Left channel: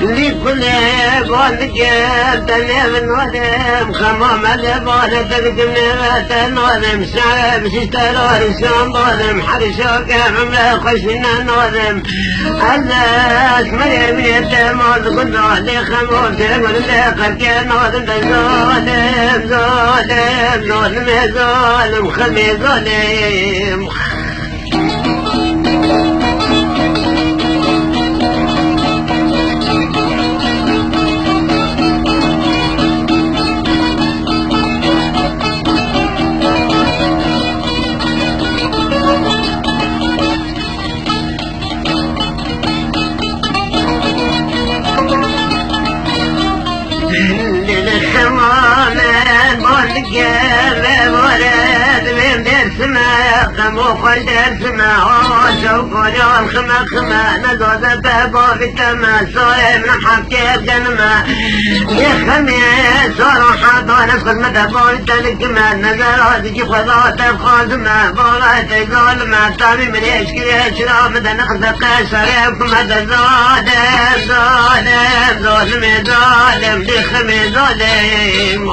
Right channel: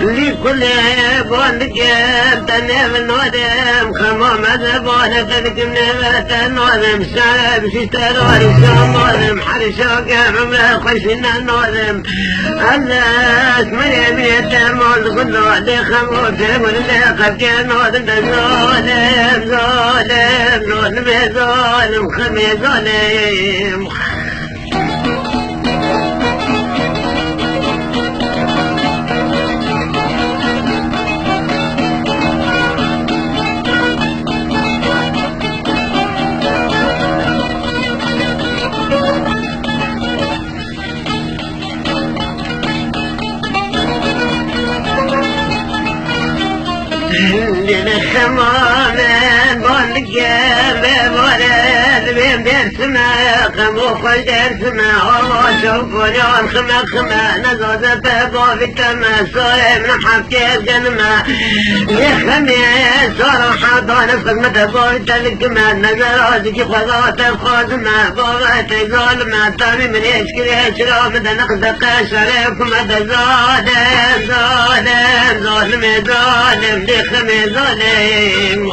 لكل والجاب تنام ودم خمام زبالة تلقم نغتن ساب سترار سوم حرشا قرنا خشنا نوذم الناس ما يتم والغلو لخمو تمر لقد نوذم ظالم ظالم ظالم ظالم خمي ظالم للخمامة والقلب ورد من درسمة وخش درسمة وشوف جوال خمة خمة نزوزة تبوك التمة صويب نحكي الجنمة يا خميس صراحة ضالب خدمة تبوك تلقمة نزراتك خلاص الخازمة بغيت ظالمة تاني من اشكي اشراف نخزق شريف مدى ظالم ظالم ظالم ظالم لخمي ظالم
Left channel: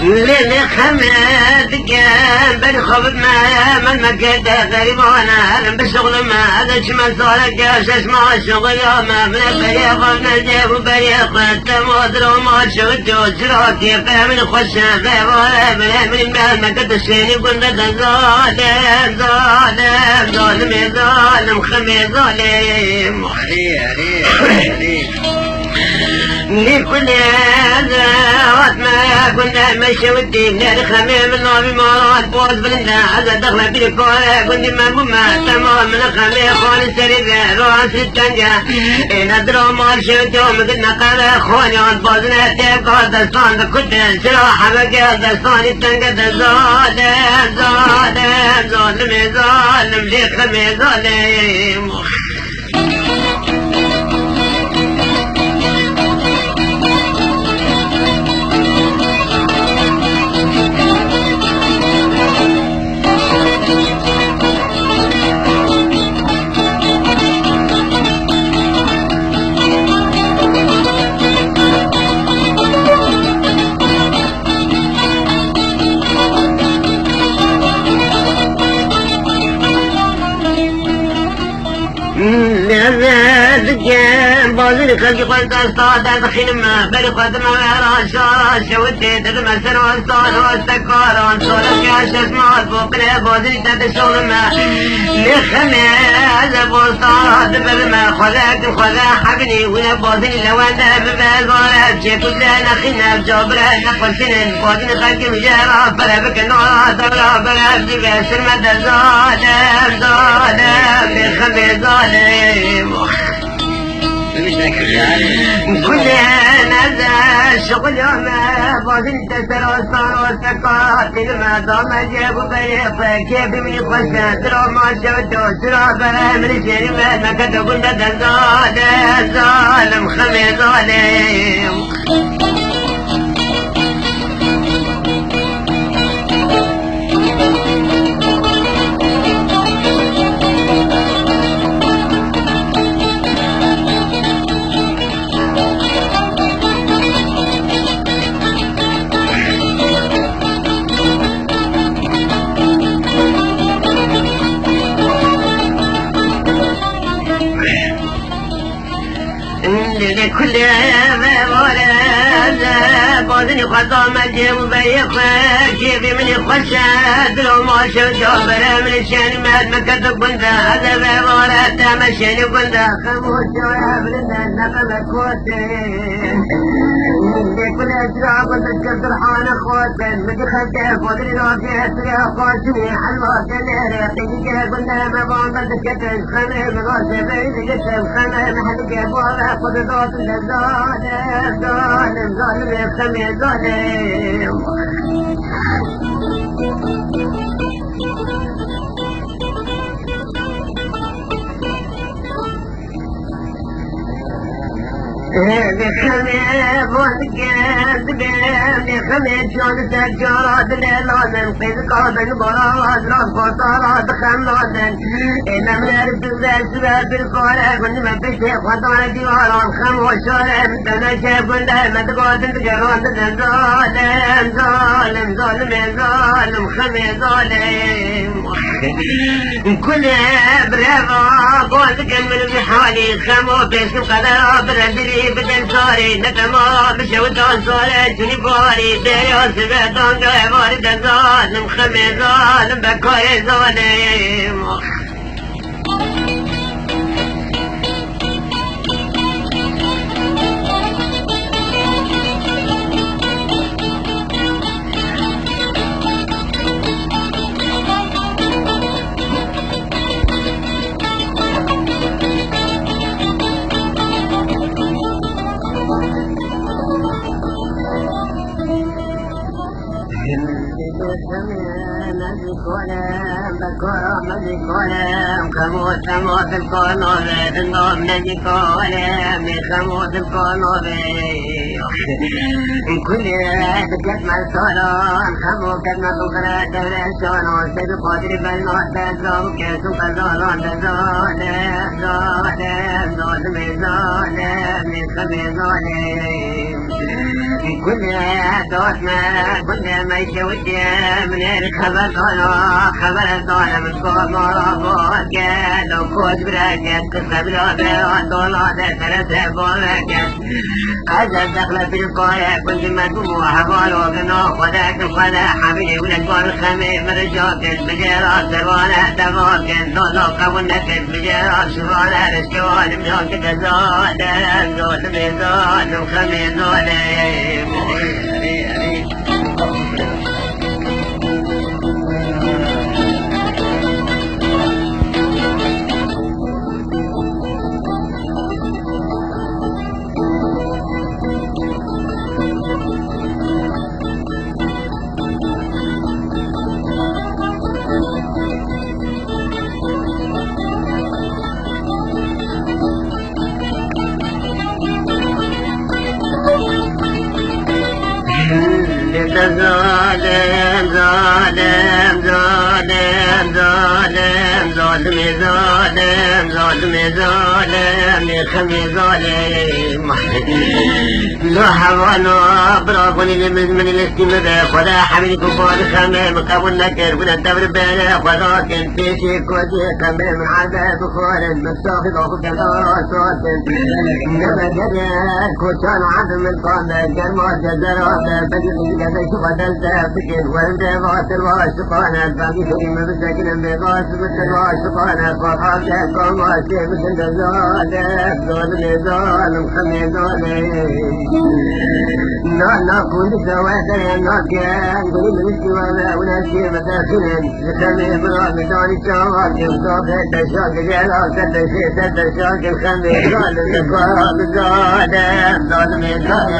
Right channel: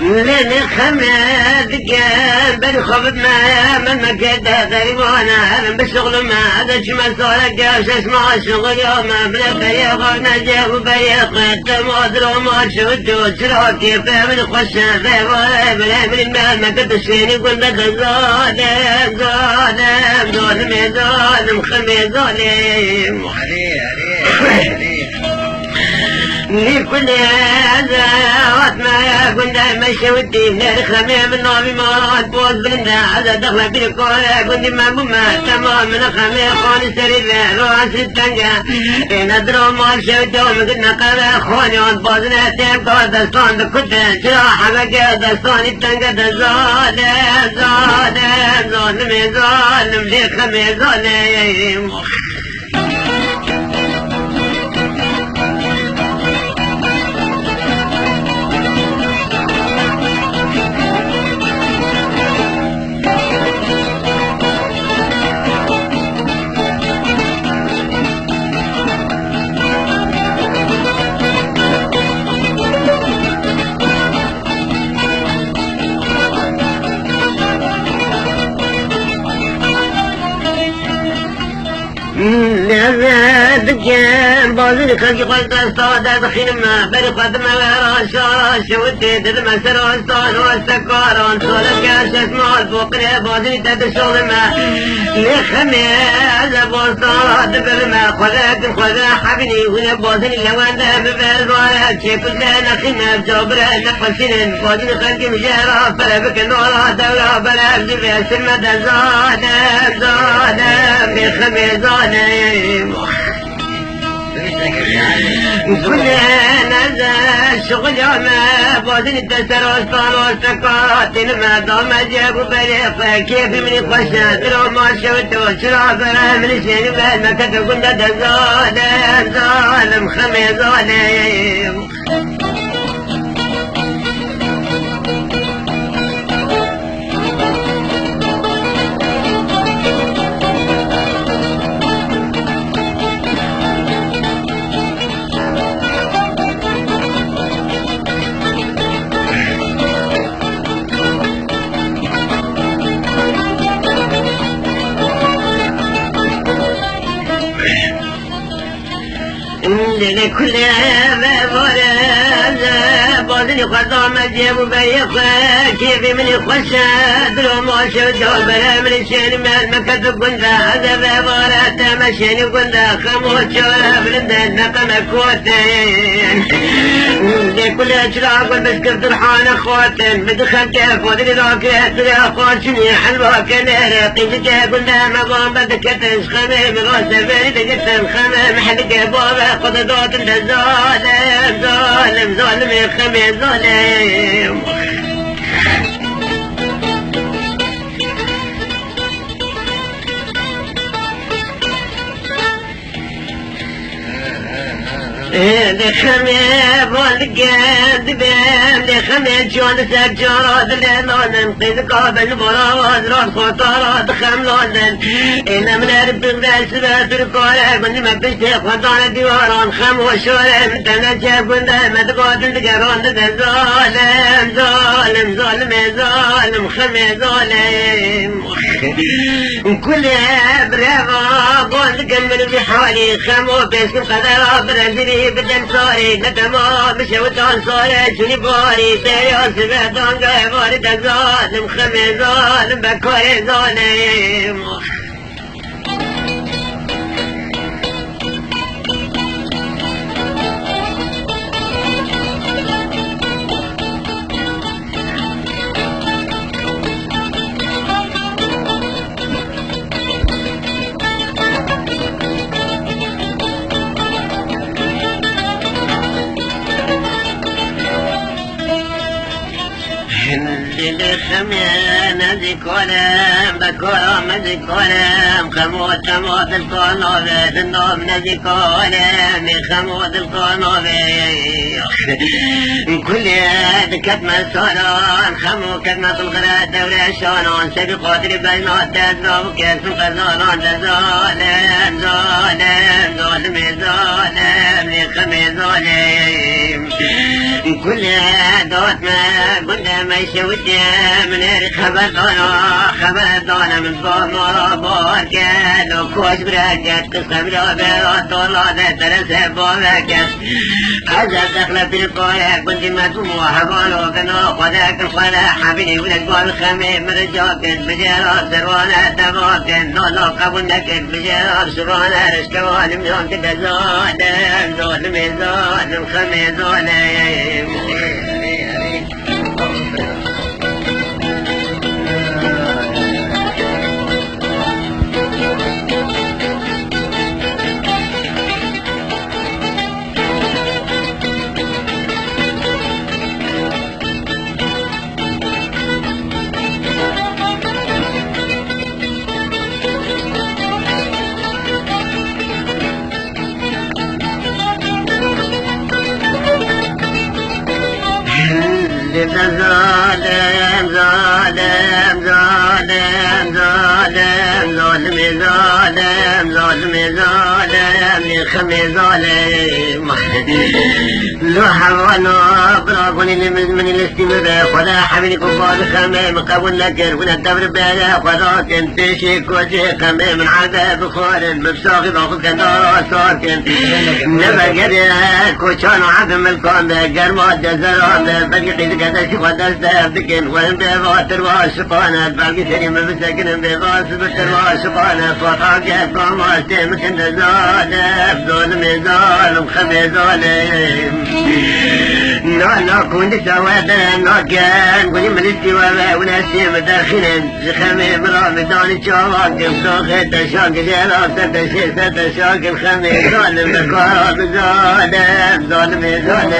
لنا خمات كان بالخبنا من مكتا غيبونا بشغل ما هذا شمال صالك اسمع الشغل يوم بريق نزيق وبريق تمودر وما شغلت وشراك فهم الخشة بلا من بال مكتا الشيري قلنا ظالم ظالم ظالم ظالم خمي ظالم لكل هذا وطنا كنا المشي والدين الخميم النوم مرات بوز بلنا على دخلة الكورة كل ما قمنا تمام من الخميم خوني سريبه رواسي التنجة ندرو ماشي ودوم كنا قرى خوني وانبوزنا تيبقى دستان كنت شراحة مكا دستان التنجة ظالم ظالم ظالم ظالم لخمي ظالم دكان بازر خلقي قلت أصطاد خيمة برقد مراشا شوتي تدمى سنة أصطاد واستكار انصورت يا شسمات فوقنا بازر تدشونا يا حمال بوصاد برمى خلاك خلا حبني ويا بازر يوانا بمزارات شكلنا نخينا بجبرة نقصين بازر خلقي بجارة فلبك نورا دورا بلغ جبه سلمة ظالم ظالم لخمي ظالم كلنا ذا شغل يوم بازي تسرس وسكات المدام جاب فريق كيف من خشات روما شوتو شراب من سير ما كتقول ده ظالم ظالم خلي ظالم لكل ما خطا مقلب وبيخ كيف من يخشد لو ما شجع بلا من الشان من مكتب بنده هذا بابورات مشي بنده خموش وابن النقم كوتين كل اجراء والمسكر فرحان اخوتين بدخل كيف ودري راكت يا خوشني حلوة كنير قيمتك بنده مبون بدكتش خميم غوث بيد جسم خميم حلق بابا قضدوت ظالم ظالم ظالم يا خميم ظالم لخميم والقد بيم لخميم جون سجاد لنونن قيد قابل براد روح قطارات خملونن كنا من الرب بسرات القوية من ما بستيق مطار ديواران خم وشويم تنجب ونما تقوت تقرون ظالم ظالم ظالم ظالم خمي ظالم كل برغا قلت من بحالي خمو باسم قذا برزيلي بدن صاري نتما بشوتان صاري شني باري بيار سبهتان قيباري ظالم خمي ظالم بكوي ظالم ذكرم بكرم ذكرم خموت خموت القنوب النوم ذكرم خموت القنوب كل كتم الصالون خمو كتم الغلا دولة شالون سبق قدر بين التزام كتم قزالون ظالم ظالم ظالم ظالم خمي ظالم كل دوت ما قلنا ما يشوت من الخبر خبر دانا من بابا باركت وكوش براكت قصب لابا طلعت ترسى بابكت عجب دخل في القاية كنت مدموع حبال وقنا خداك الخلا حبيبي من القال خمي برجاكت بجرات سروانا دماكت نوزو قبل نكت بجرات سروانا اشتوالي مزاكت ظالم ظالم ظالم خمي ظالم ظالم ظالم ظالم ظالم ظالم ظالم ظالم ظالم خمي ظالم زحوا برافوني من الاستمرار فلا حملك الفول خمي مكون نكر من التمر بين قدرات تشيك وجه خمي من عذاب خور مبسوط باخذ كذا ساكن نبى قريت وشان عدم القام قرمات جزران بقي كذا شو قدرت أبكن وانت غاتر غاشقانا باقي سليم مسكن بغاس بشر غاشقانا فراقك والواسي مكن ظالم ظالم ظالم خمي ظالم نانا كنت سوادا ناكن قولي من السوابا وناسي مداخلا خمي برامتان الشواكم صاخت شاك جلال ستة شاك الخمي ظالم بقاب ظالم ظالم ظالم ظالم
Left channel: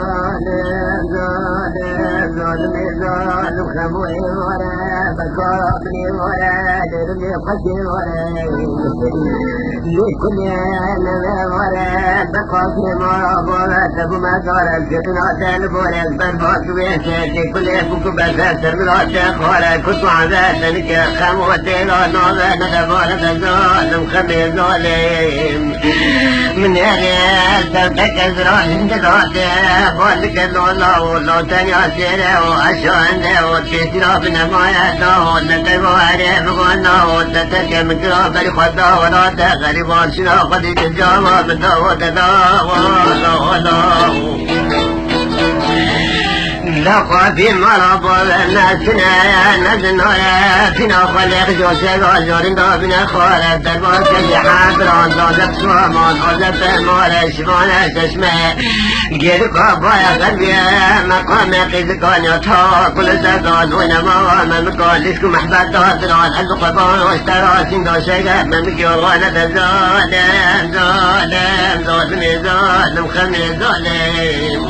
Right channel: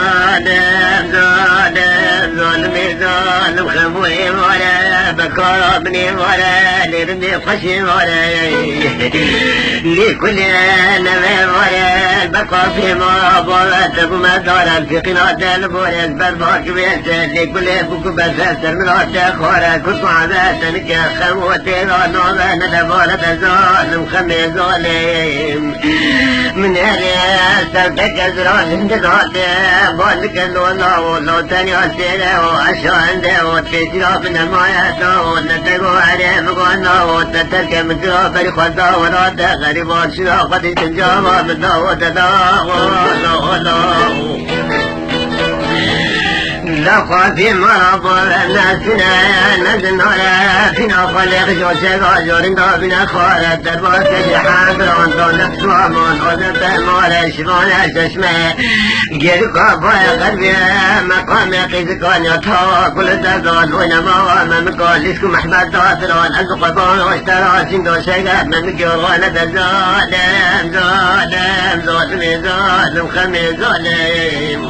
ظالم ظالم كابني ولا لربي قشي ولا لكل نبي ولا البقى في مرابطة وما دار في قناة البوية البندوك بيته لكل يسبك بساسر من عشاق ولا تسمع ذات نكا خموتين ونوضا نتفور بزول مخمي زولين من يغيال تلتك زول تدعطي على بولك النور لو تنعسين وعشان وتسنا في نمعياتنا ونكبوا عليه بقوانا وتترك من كراب الفضا وراتا غريبان شنا قديت الجامعة بالدعوة نقرأ في المرض والناسنا نزلنا في نقل يخجو شغال بنا خالد تدوس الحاضر وانطلق صوم وانطلق ولا شمال تسمع جير قرب ولا قلبي مقام يقيد كان يطاق كل زقاد ونمار من مقالسكم أحباب تغطر والحمد قبار واشترى سندو شغال من مجوانا تزادم زادم زادم زادم خمي زادم